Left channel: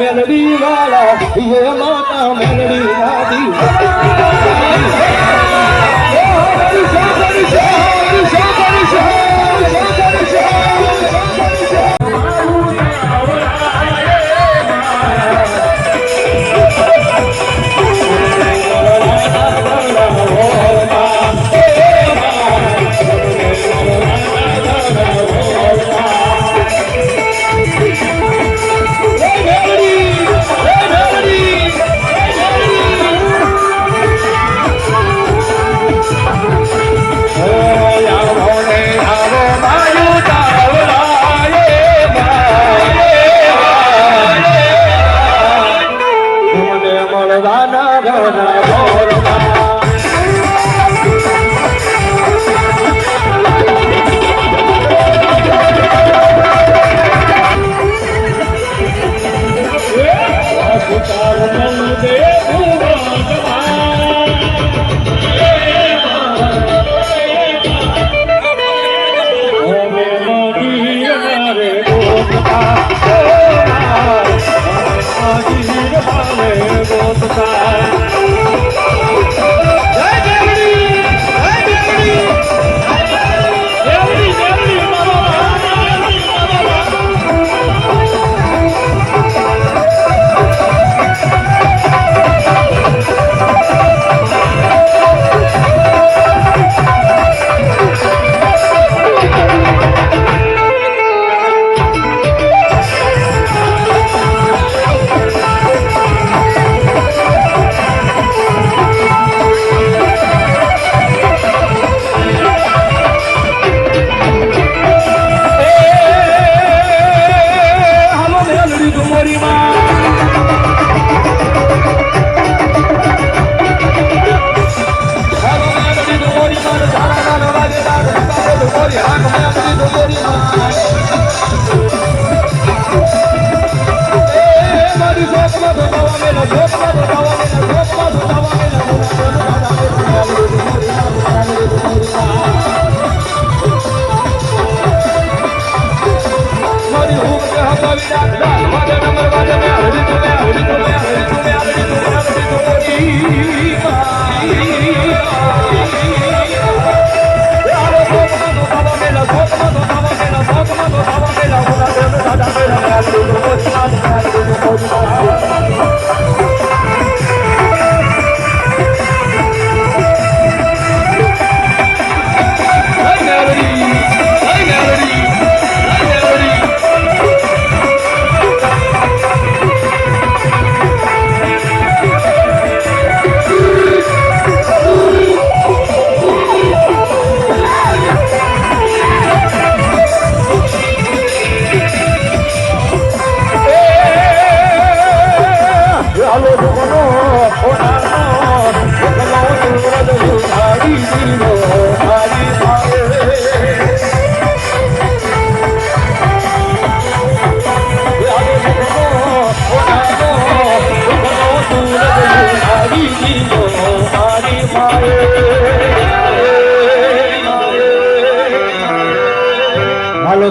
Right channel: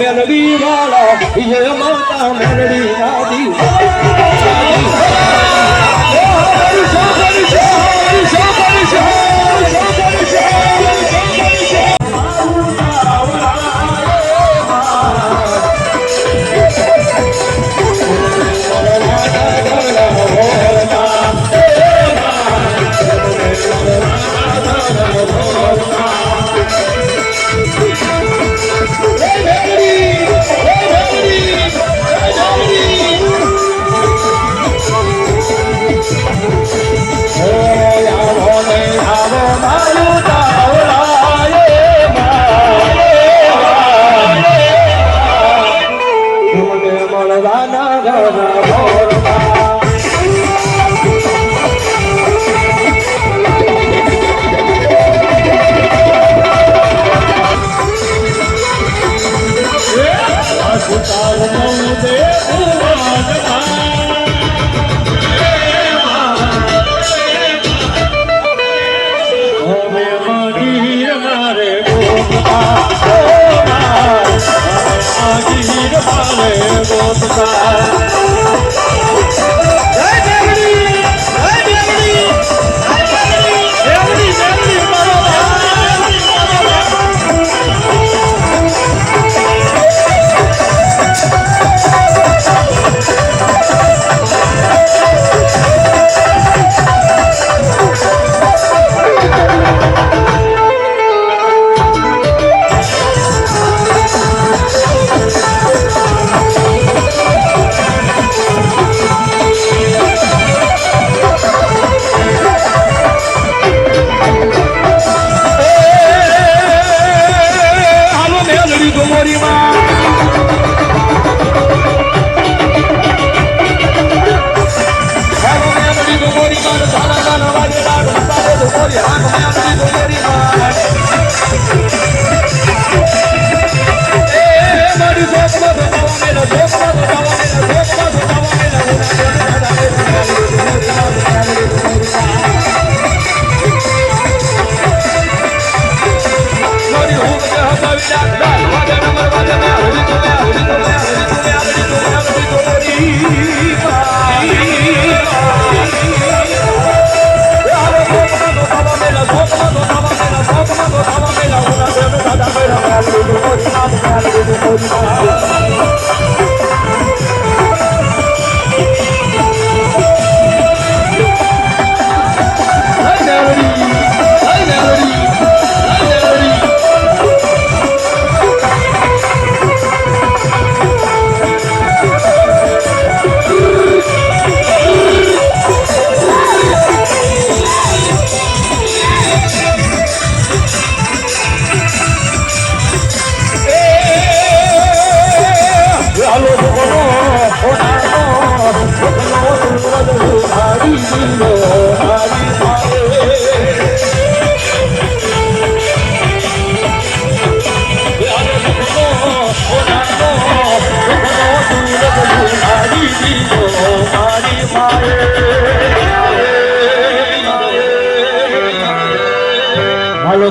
મેલડી વાળા હે માતા મેલડી નાદી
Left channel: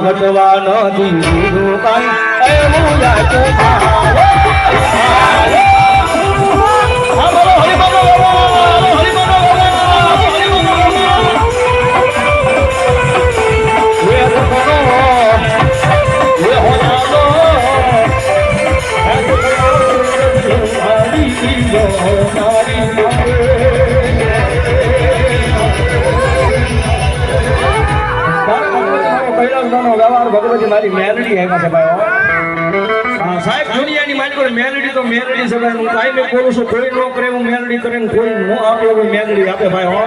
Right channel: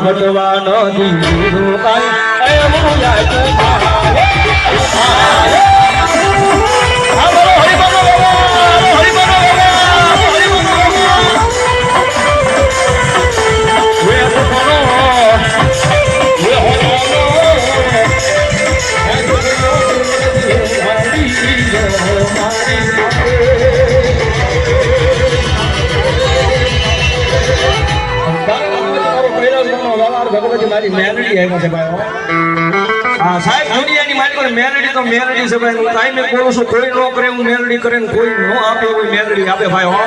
ઘટવા નથી દીધું કાંઈ એનું યાદ ભગવતી મારી મેલડી આવી છે ભાઈ હા સાહેબ દુનિયાની મારી મેલડી તો મેલડી છે ભાઈ હું કાંઈ મેં કહું છું કોઈ ન કરે હું મેલડી કરે ને કોઈ ન આપે કોઈ મેલડી આપે ભાઈ હો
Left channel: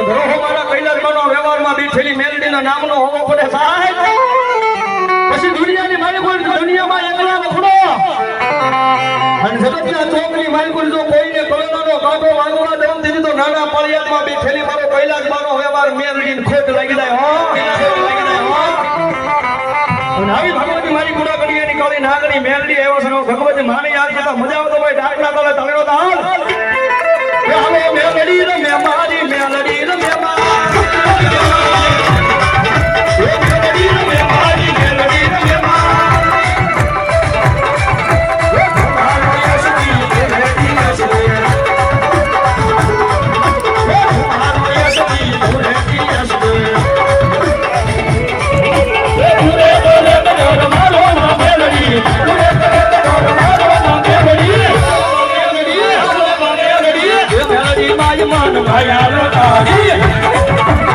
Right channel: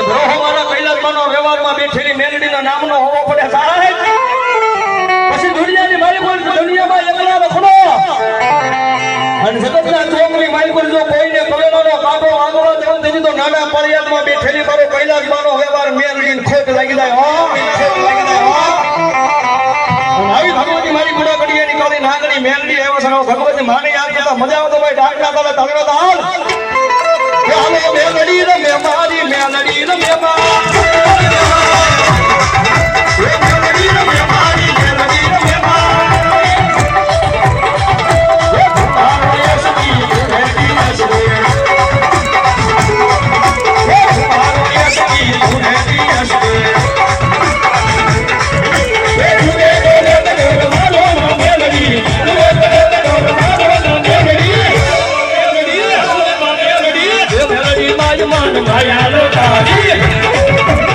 ગ્રહોમાં કૈલાસમાં વ્યવહારમાં બેઠેલી મેલડીના નામનો હોવો પડે સાહેબ પછી દુનિયાની મારી કોઈ દુનિયામાં એકલા વખડો અને જગતના ચોકની મારી કોઈ જો કોઈને કોરોનાનો કાબો આગળ દેવો તેની તો નાના પળિયાદમાં બેઠેલી મારો કૈલાસમાંનો વ્યવહાર મેલડીને ખોટ લાગી જાય હો ખોટ લાગી જાય હો આવી ભગવતી મારી ગુડા કડીયાની કોલી નાગણી મેલડી આવ્યો છે ભગવતી માને યાદ કરતા મજા આવતો ભાઈ ડાકલા તાલે તળેલો તો હાલ હાલો મેલડી ને મેમારી મેલડી ને મેમારી ભયા લો તારી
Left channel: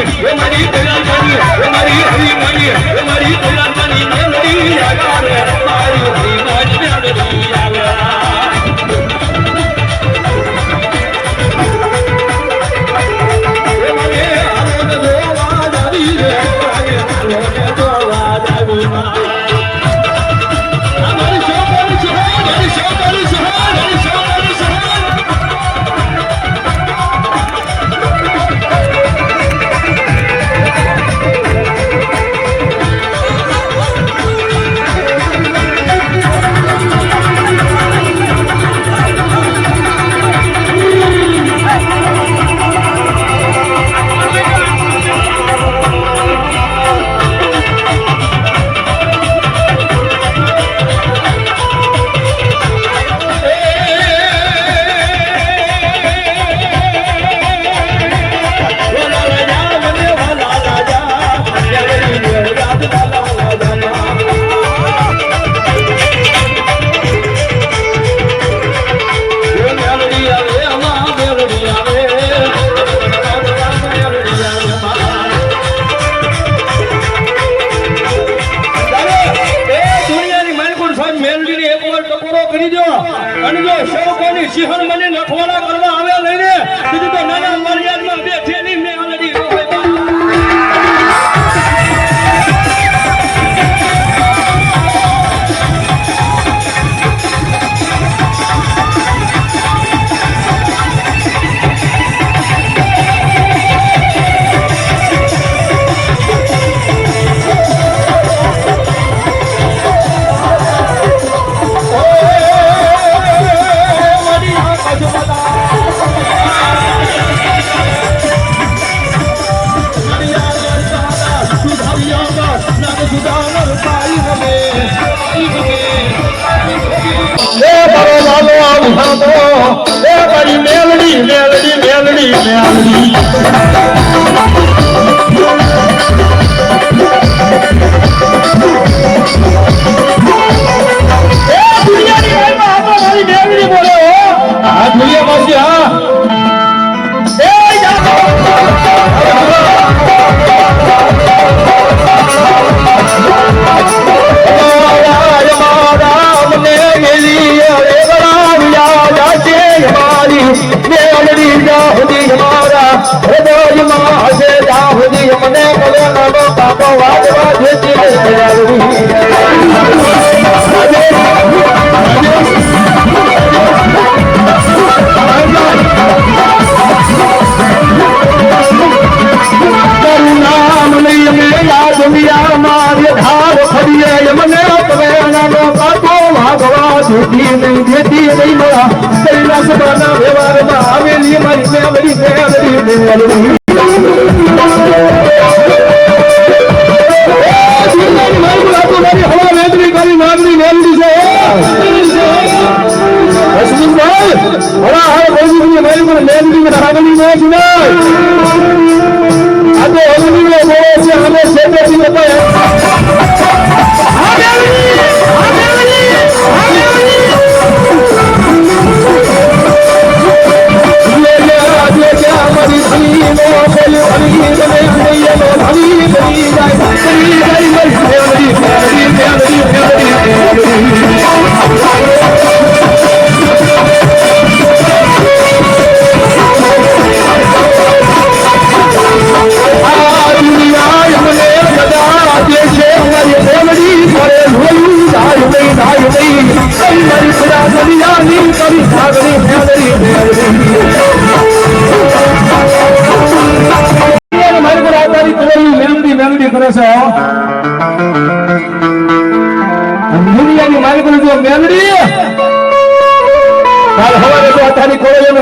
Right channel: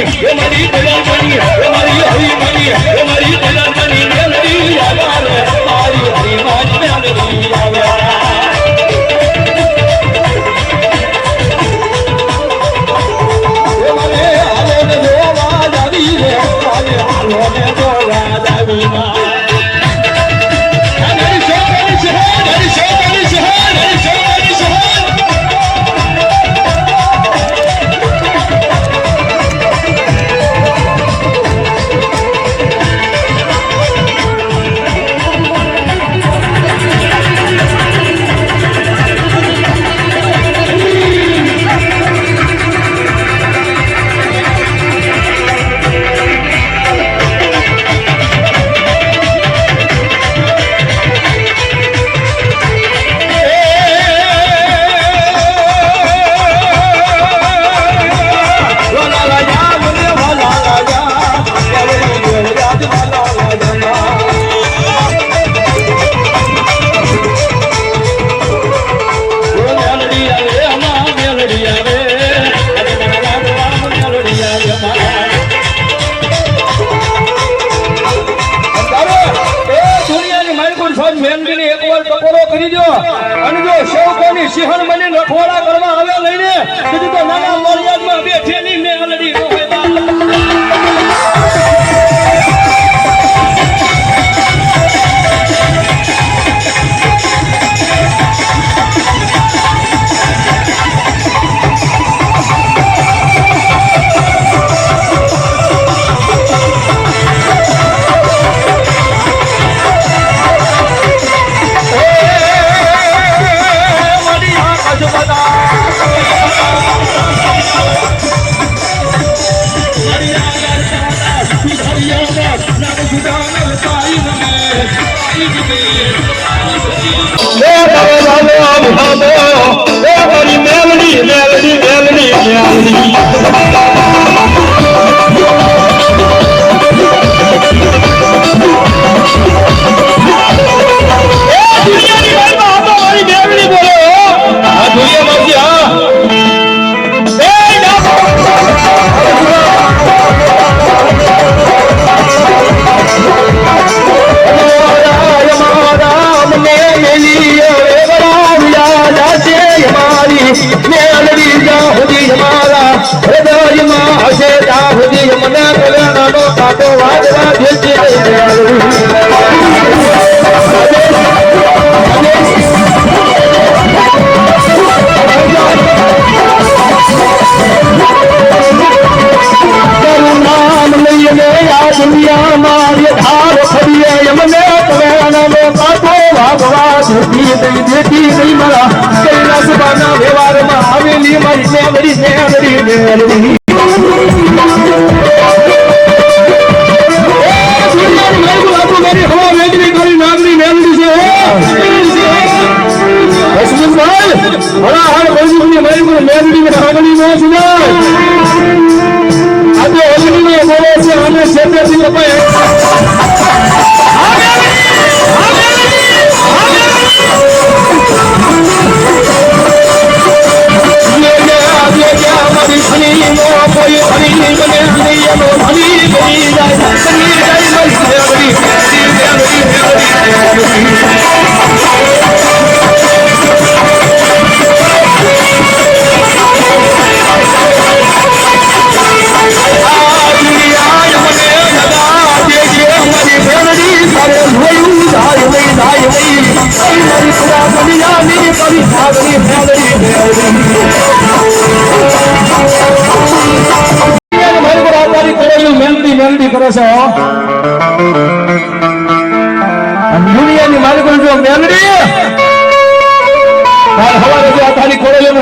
માની એ મારી દલાલ માની એ મારી હરી માની એ મારી દલાલ માની મેલડી આવા રે મારી હરી માની મેલડી આવા એ મને હાલો ને જોવા જાવી રે મારી હાલો ને જોવા જાવી માં સિંહણ મને નખવાડા કરવા આવ્યા લઈને કીધું તો નાના મર્યાદમાં બેઠેલી મેલડી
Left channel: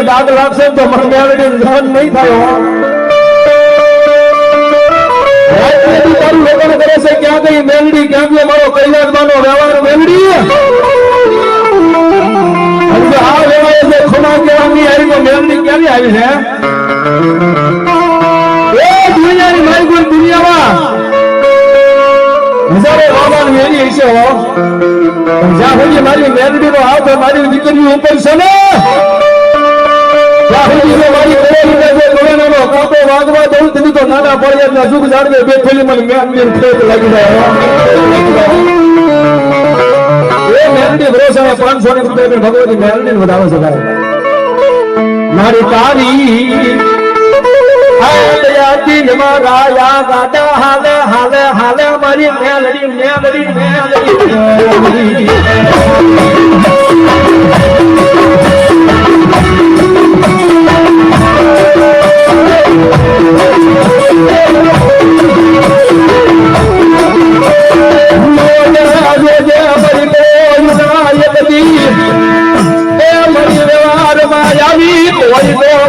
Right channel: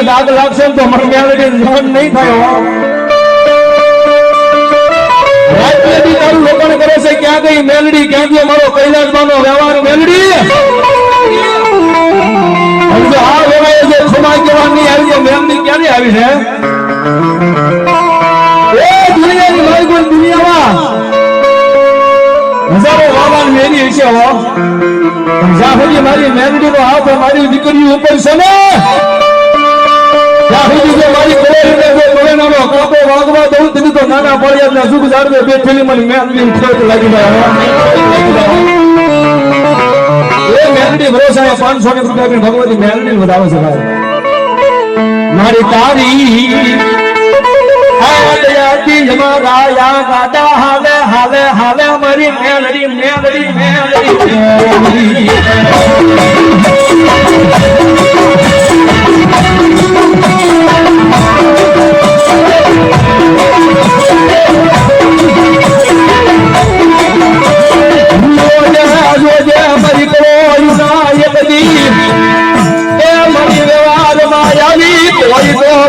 દાદ લાગશે તો મને મેલડી જહન નહીં થાય તારું લોકોને કરે છે ક્યાં ગઈ મેલડી ક્યાં ગયો મારો કૈલાસમાંનો વ્યવહાર મેલડી આ વેવાય જે ખુમા કહેવાની આવી છે મેલડી ક્યારે આવી છે એ દુનિયાની માલિકોની દુનિયામાં હજારો વાવાન મેરી છે હો જ્યાં સુધી મારી મેલડી નો હાથ મારી દીકરી ઉપર છે ને ત્યાં સુધી જો મારી કોળીને જો કોળીનાનો કાપો વાગવા દઉં તેની તો નાના પડ્યા સુખ જાળવે બેઠેલી મને મેલડી ઠેક લાગી જાય એ મેલડી ભરોસા 500 રૂપિયા ભગવતી મેલડી વધાવે છે ભાઈ મારી તારી હાલયાતી જમારાયા ગાડા હાલે હાલે હાલે મારી મેલડી મેલડી મેલડી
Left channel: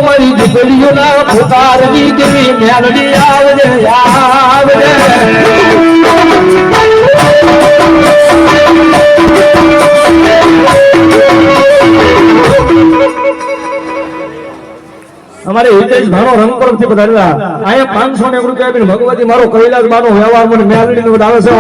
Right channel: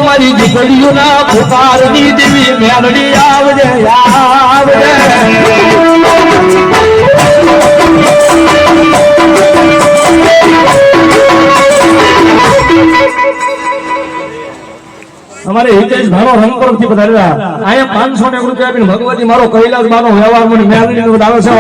મારી દીકરીઓ ના પુકારની દેવી મેલડી આવજે આવજે અમારે હિતેશ ભારો રંગપુર થી પધારેલા અહીંયા 500 રૂપિયા આપીને ભગવતી મારો કૈલાસ મારો વ્યવહાર મને મેલડી નો વધારે છે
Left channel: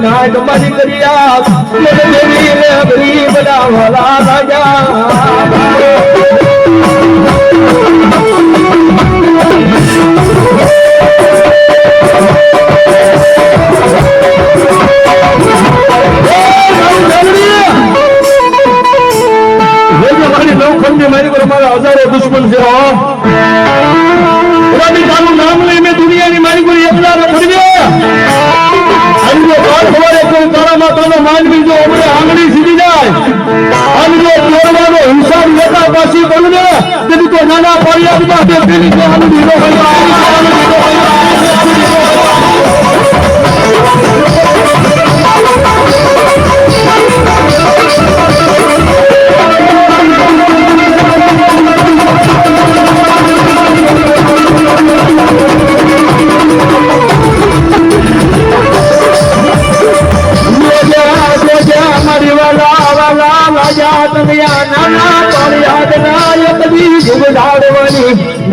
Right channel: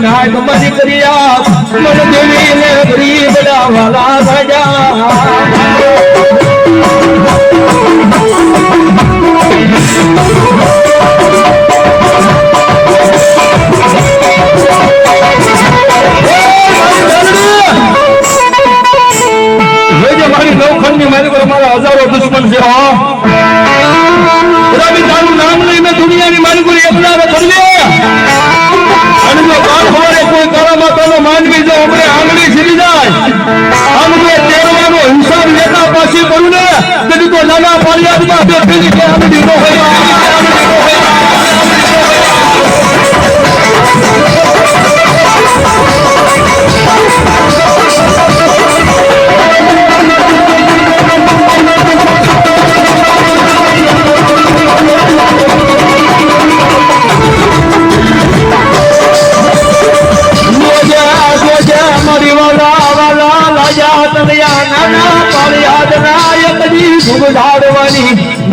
નાગ મરી કર્યા મન દેવી ને ગરીબ ડાવાલા રાજા મારી નવખંડની મારી પર મારા હજારો દુશ્મન છે તારું નામ લઈ મેં દુનિયાની મારી કોઈ એકલા કરજે અને જો કાલ સવારે કોઈ તારામાં તારો માનવી જો આપણે આંગળી સીધી જાય આમ જો તેરવાનો હિસાબ લેતા પાછી બોલું ને તેથી તો નાના ફરિયાદમાં બે પેલી કે આંગળી નો હોય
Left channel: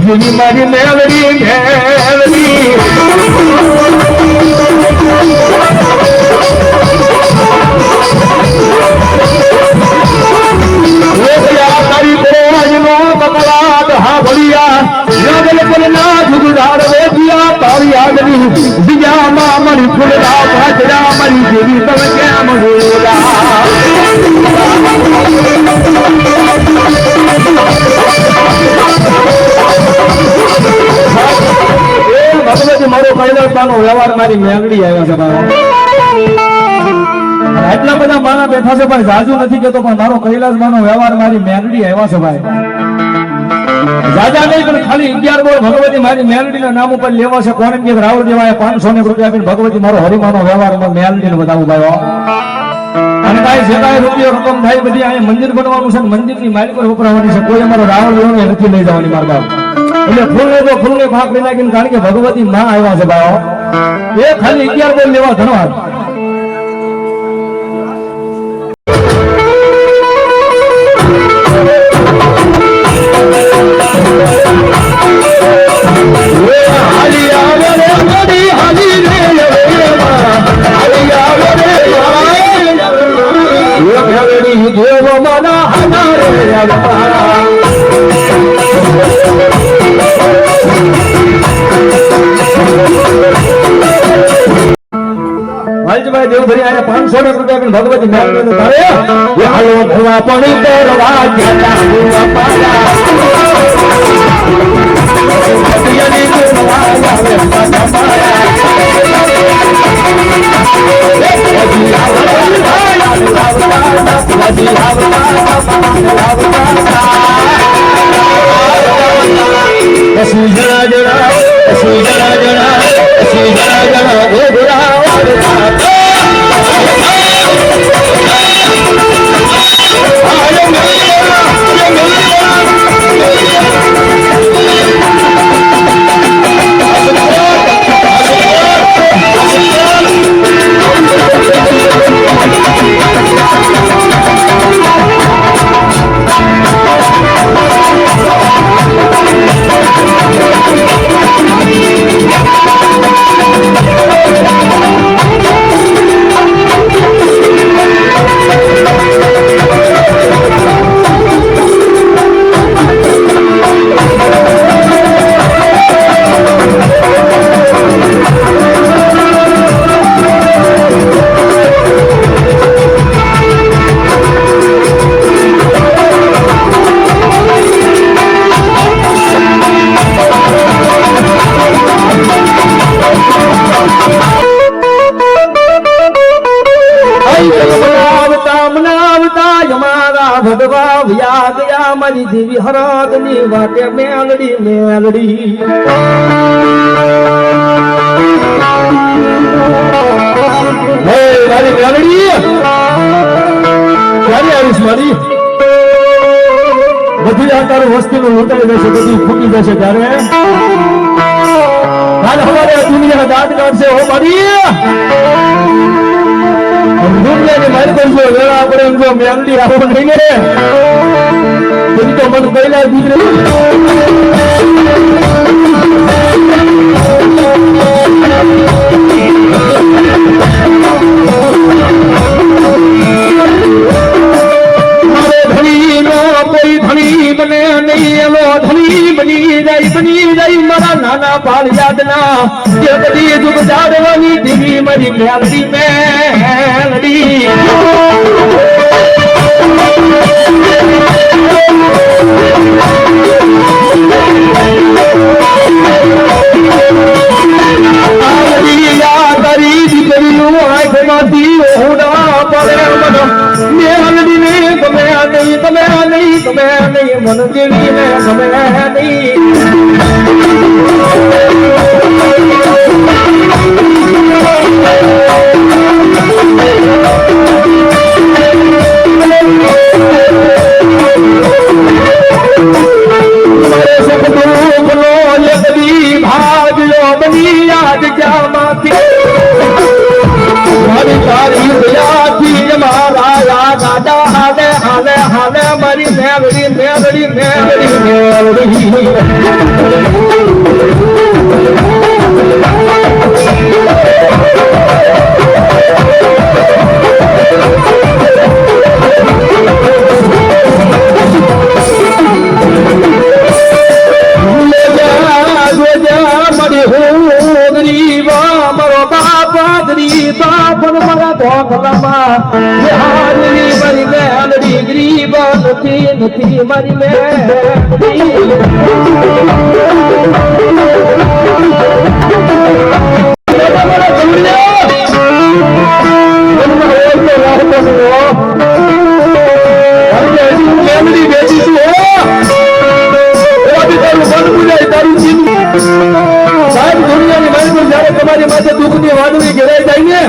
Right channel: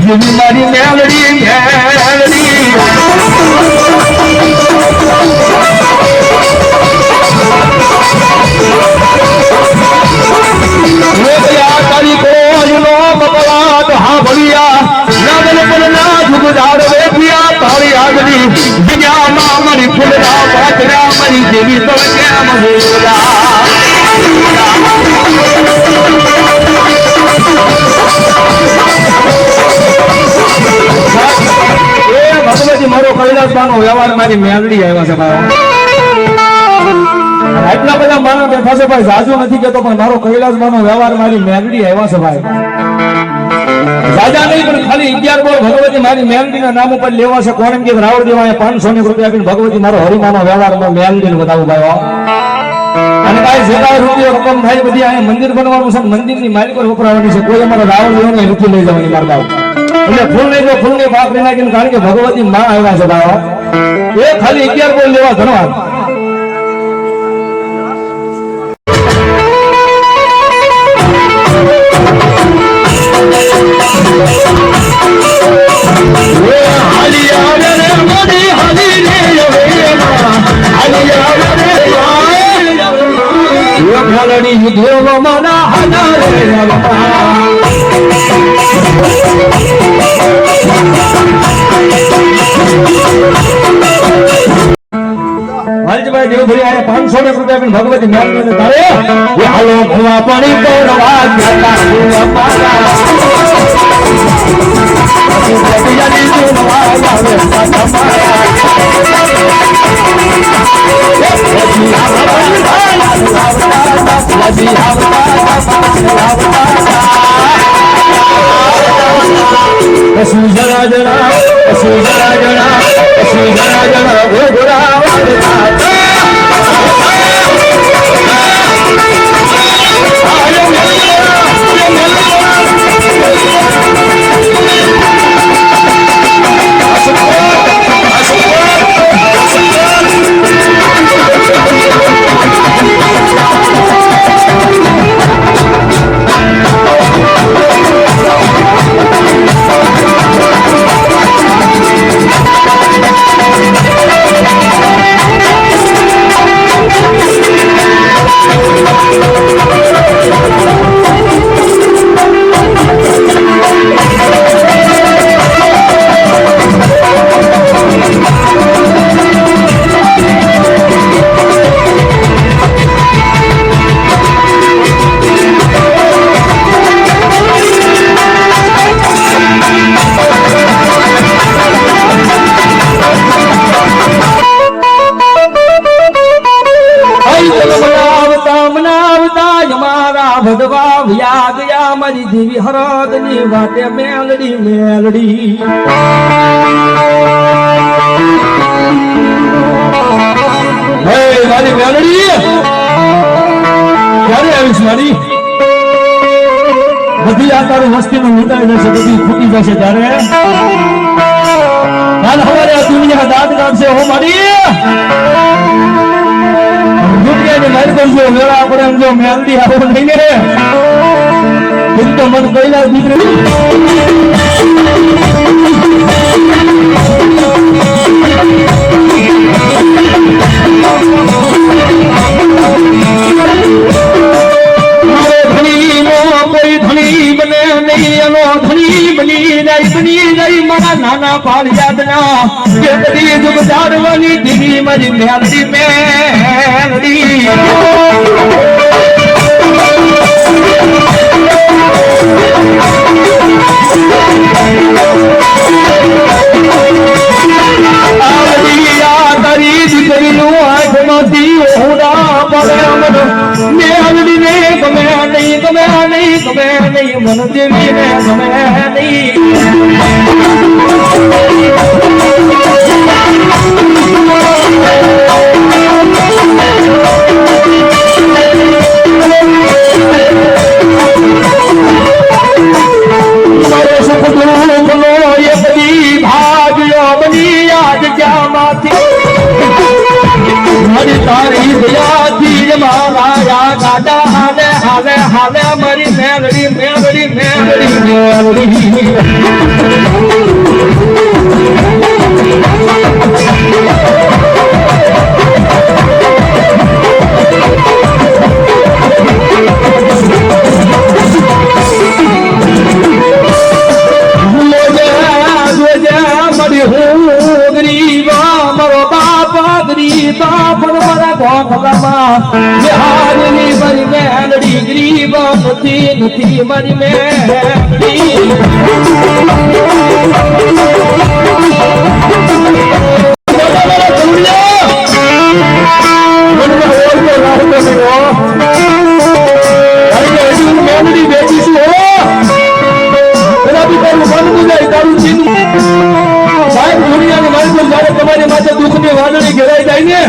જેવી મારી મેલડી મેલડી તારી કોઈ નો કપડાટ હા ભળિયા નગર પર ના જુગદાર વેઠિયા તારી આગળી બીજામાં મારી ફૂલડા ભાજરા મારી જેવી તમે કેમ જોયા ભગવતી મારો કૈલાસમાંનો વ્યવહાર મારી મેલડી આવ્યા છે ભાઈ એટલા બધા મારા બેઠા છે ભાઈ જાજુ નથી કેતો પણ મારો કૈલાસમાંનો વ્યવહાર મારી મેલડી આવ્યા છે ભાઈ જાજા નહીં પણ ખાલી 11 બોલ ભગવતી મારી મેલડી ના નામ ઉપર લેવા છે કોણ કે રાવળ દેવાય 500 રૂપિયા આપીને ભગવતી મારો હરિમાનો વ્યવહાર મેલડી ને બતાવું ભાઈ અને કાંઈ જે કાંઈ રૂપિયો રકમ થાય બધી અહીંયા મંદિર બનવાનું છે મંદિરની માલિકો ઉપરાવાની છે કોઈ અમારે રાવળ દેવાનો નથી લઈ જવાની મારા બાપ એટલે ફૂલ ને જો ફૂલ ને ભાગ લઈ નાખીને કારણ કે ભગવતી માં આવ્યા છે ભાઈ એ ખાલી 11 બોલ લેવા ધન્યવાદ હલજભાઈ દેવભરી આયા 500 રૂપિયા આપીને ભગવતી મેલડી ધારે એ હાલો ભવા પાણી કરવા ગયા ભવા પાડા પતિયાની કોનવા આવે પાડા માયા સુજરા જણા સુજરા જણા સુજરા જણા ગોરા ભગવા વ્યા ગયા મારી દેવી હરદની વાટે મેલડી મેલડી હે મારી મેલડી ક્યારે આવીશ મારી બધી આ તારું વસ્તીનું લૂંટાઈ જશે બધી ફૂટી જશે ત્યારે કાલ હવારે દુનિયા દાંત કાઢશે હો મારી દુનિયાની મારી કોઈ જો વેળા આપણે એમ જો મેલડી આવો નહીં ને તું તો મન કઈલા દીકરી નાના પાળ યાદના કે બધી દુઃખ જાડવાની દીવી મારી મેલડી મેલડી મન દેવી ને ગમે નહીં તારી દયાથી મારા યા દાદા હાલે હાલે હાલે મારી મેલડી મેલડી મેલડી મેલડી નથી મારી મેલડી તમારી માથે દુઃખની વાદળી ઘેરાઈ જાય ને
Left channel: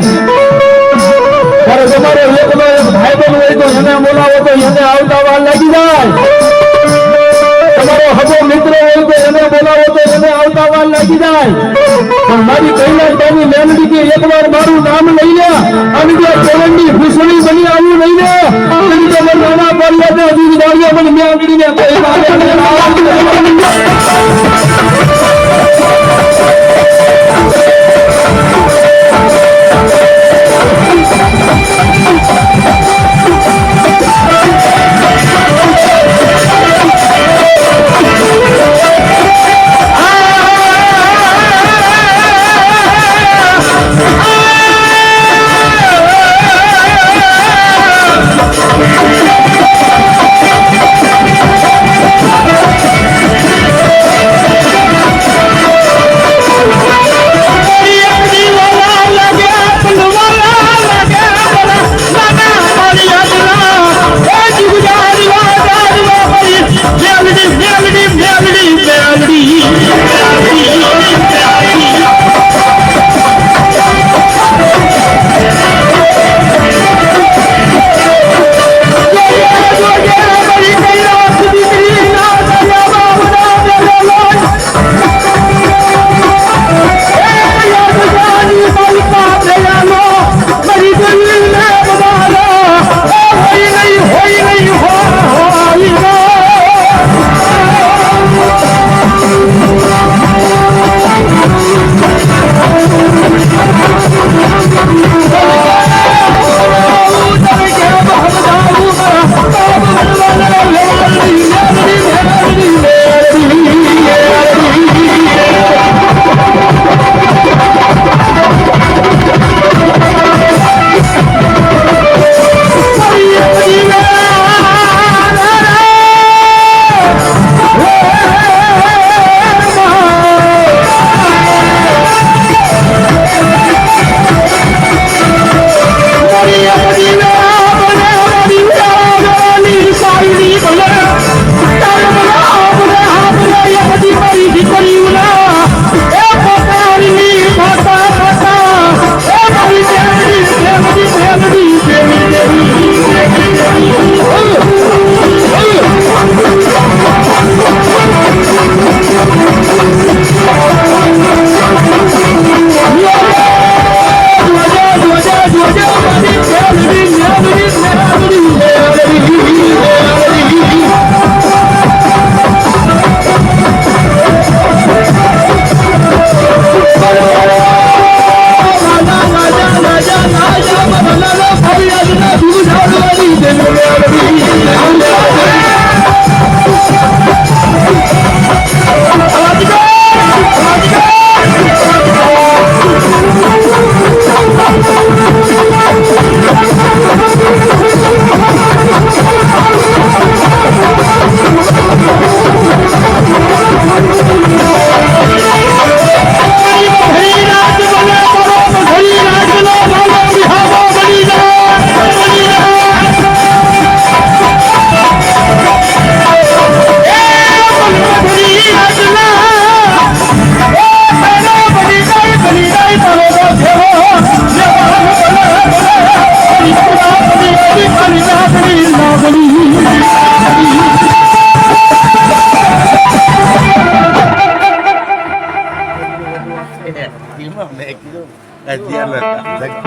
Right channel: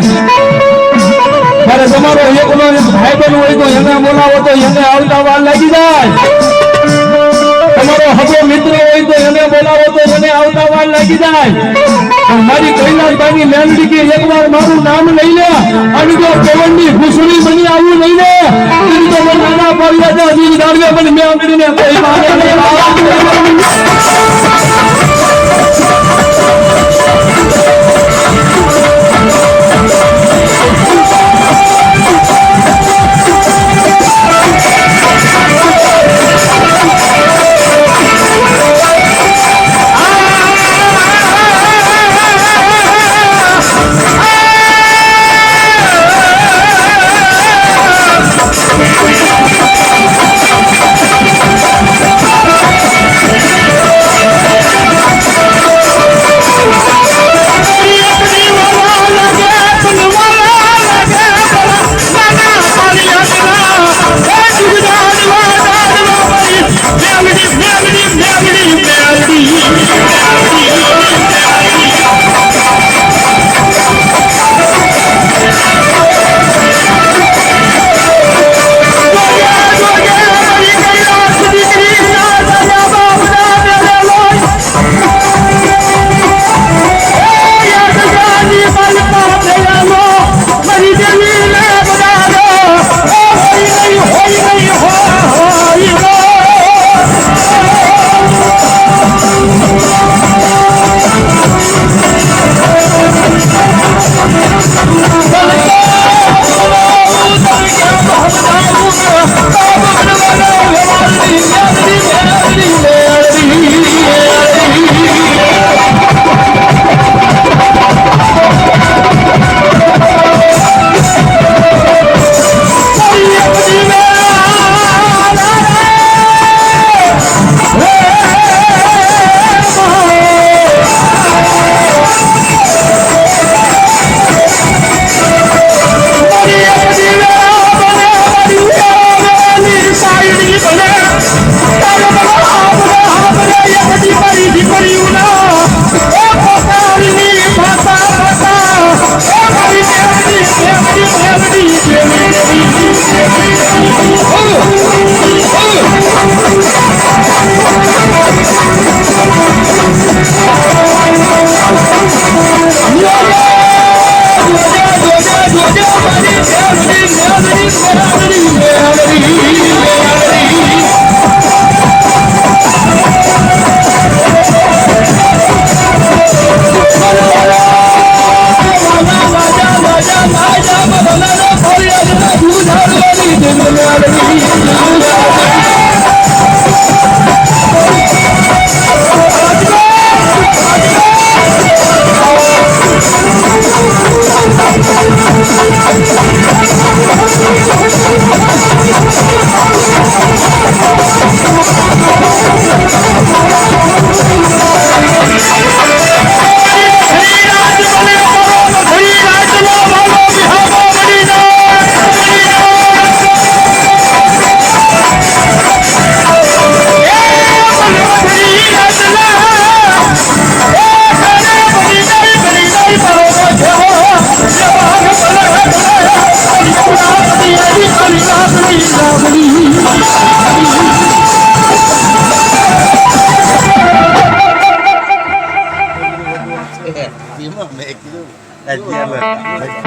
ત્યારે તમારો એકલો ભાઈ બહેન હોય તો એને બોલાવો તો એને આવતા વાર લાગી જાય તમારો હગો મિત્ર હોય તો એને બોલાવો તો એને આવતા વાર લાગી જાય પણ મારી કૈલાસભાઈની મેલડી કે એકવાર મારું નામ લઈ લે અને જો પવનની ભૂસડી બની આવું નહીં ને એની તો મને નાના પાડ્યા છે હજી દાડિયા મને મેલડીને કોઈ મારે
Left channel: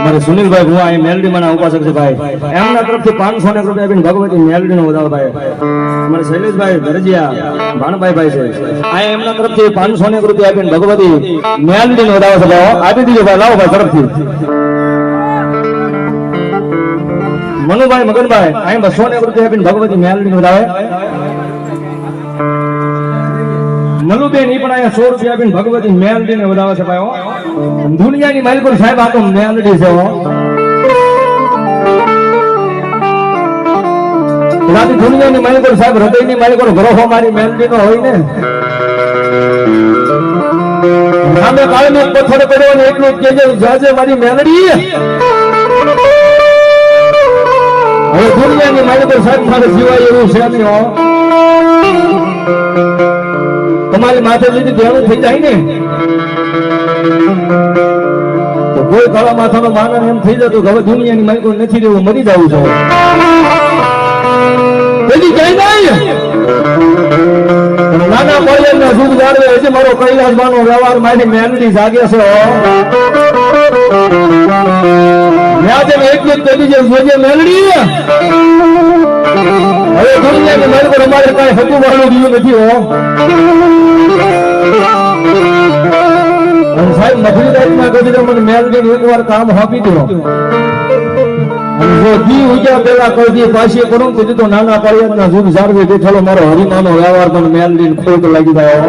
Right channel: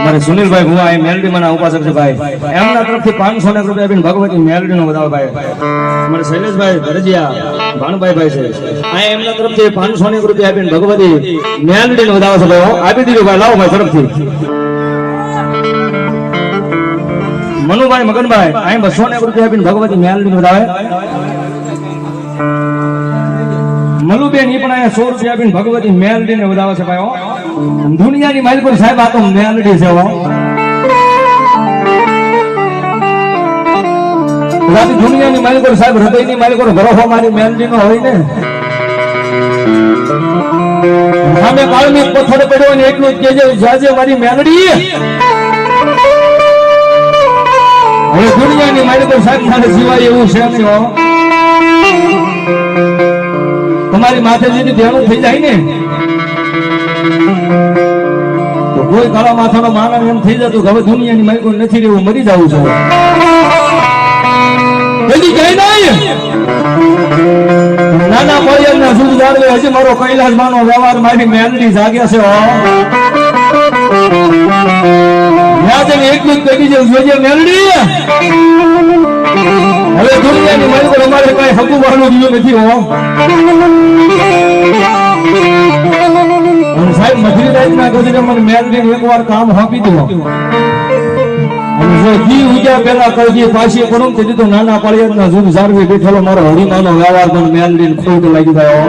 મારે સુનિલભાઈ ભુવા એ મેલડી માના ઉપાસક છે ભાઈ, એમના તરફથી 500 રૂપિયા આપીને ભગવતી મેલડી નો વધાવો ભાઈ. મારે શૈલેષભાઈ ધરજીયા ભાણભાઈ ભાઈ છે, આ એમના તરફથી 500 રૂપિયા આપીને ભગવતી મેલડી નો વધાવો છે ભાઈ. આપી દીધો ભાઈ, લાવો ભાઈ તરફથી. મનુભાઈ મગનભાઈ આ 200 રૂપિયા આપીને ભગવતી મેલડી નો વધાવે. મનુબેન ઈ પણ અહીંયા 100 રૂપિયા આપીને ભગવતી મેલડી ને વધાવે છે ભાઈ. દુનિયાની માલિકો સાહેબ આ તો મેલડી છે હો. દુનિયાની માલિકો સાહેબ હૃદયની માલિકો ભરોસો મારી મેલડી નો હોય ને. સામે કાળમી પથ્થર પડ્યો ને એટલું જ કહેજે જાજે મારી મેલડી. હવે દુનિયાની માલિકો સાહેબ મારે સિવાય એવું છે નહીં હો. તમારી માથે જેથી ધ્યાન થઈ જાય ને તો કોઈ કાળા માથાનો માનવ એમ થઈ જતું કે હવે દુનિયાની માલિકો નથી રહેવું, મરી જવું છે. હજી કઈ નહીં નાના મોરિયલ ના શુભ જાળવે હજી મારો કૈલાસ માનો વ્યવહાર મારી મેલડી જાગે છે હો. મેં એટલું જ કહી દીધું જોજે મેલડી. હવે દુનિયાની માલિકો અમારે કઈ હકુ વાળું દીધું નથી હો. સાહેબ મધુરી રાતના ગજરે મને મેલડી એકવાર કામ આપી દો. જો જી ઉગ્યા પેલા કહી દે પાછી કરું તો દીધો નાના પાળિયાદના જૂન જાળવી બેઠેલો મારો હરિમાનો વ્યવહાર મને મેલડી ખોટ લાગી ગયો.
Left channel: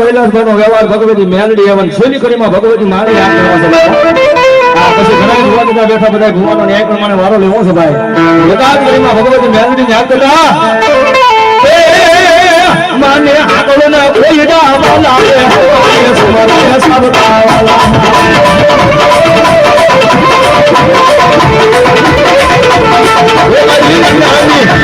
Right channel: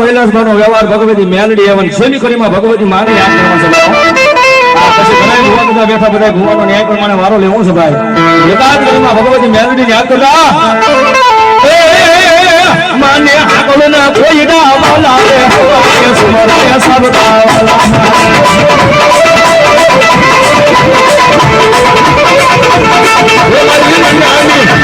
કૈલાસભાઈનો વ્યવહાર ભગવતી મેલડી એવન શેની કરીમાં ભગવતી મારી આમ કરવા છે. પછી ઘણા ભુવા બધા બેઠા, બધા ભુવાનો ન્યાય પ્રમાણે વારો લેવો છે ભાઈ. એકાદ કરીમાં ભગવતી મેલડી યાદ કરતા માને હાકલો ના કોઈ ડાવાલા રે સુમરે સબ ડાવાલા એ મારી નાની